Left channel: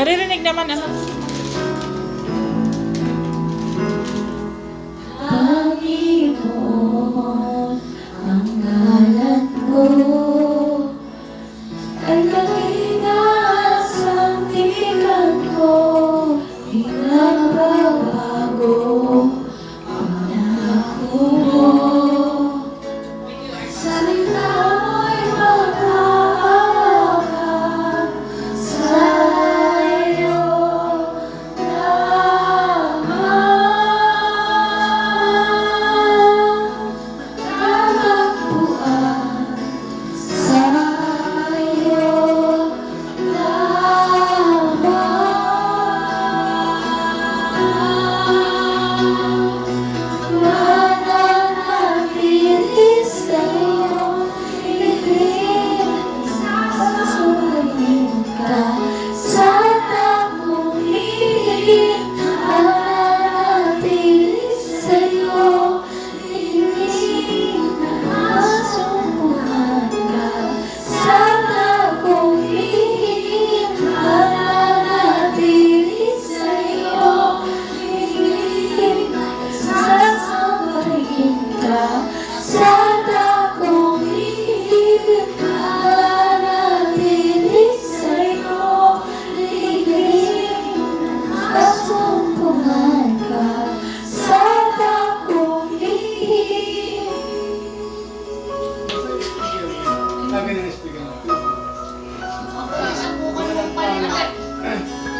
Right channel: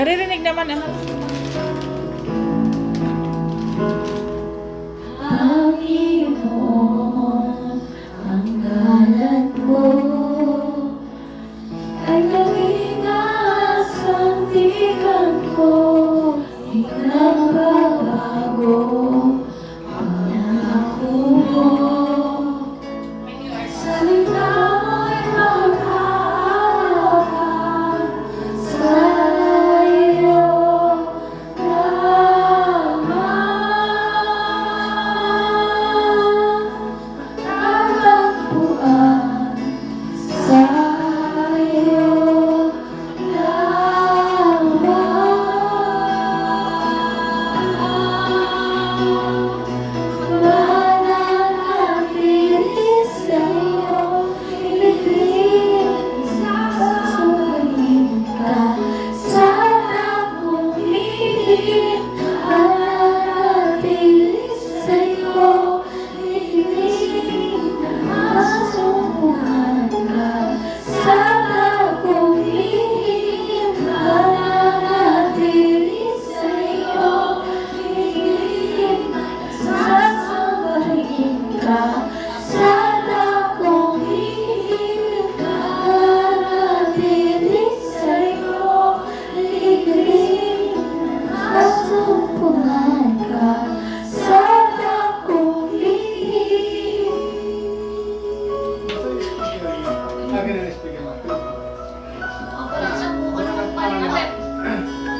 Naririnig naman, anak. 감사합니다.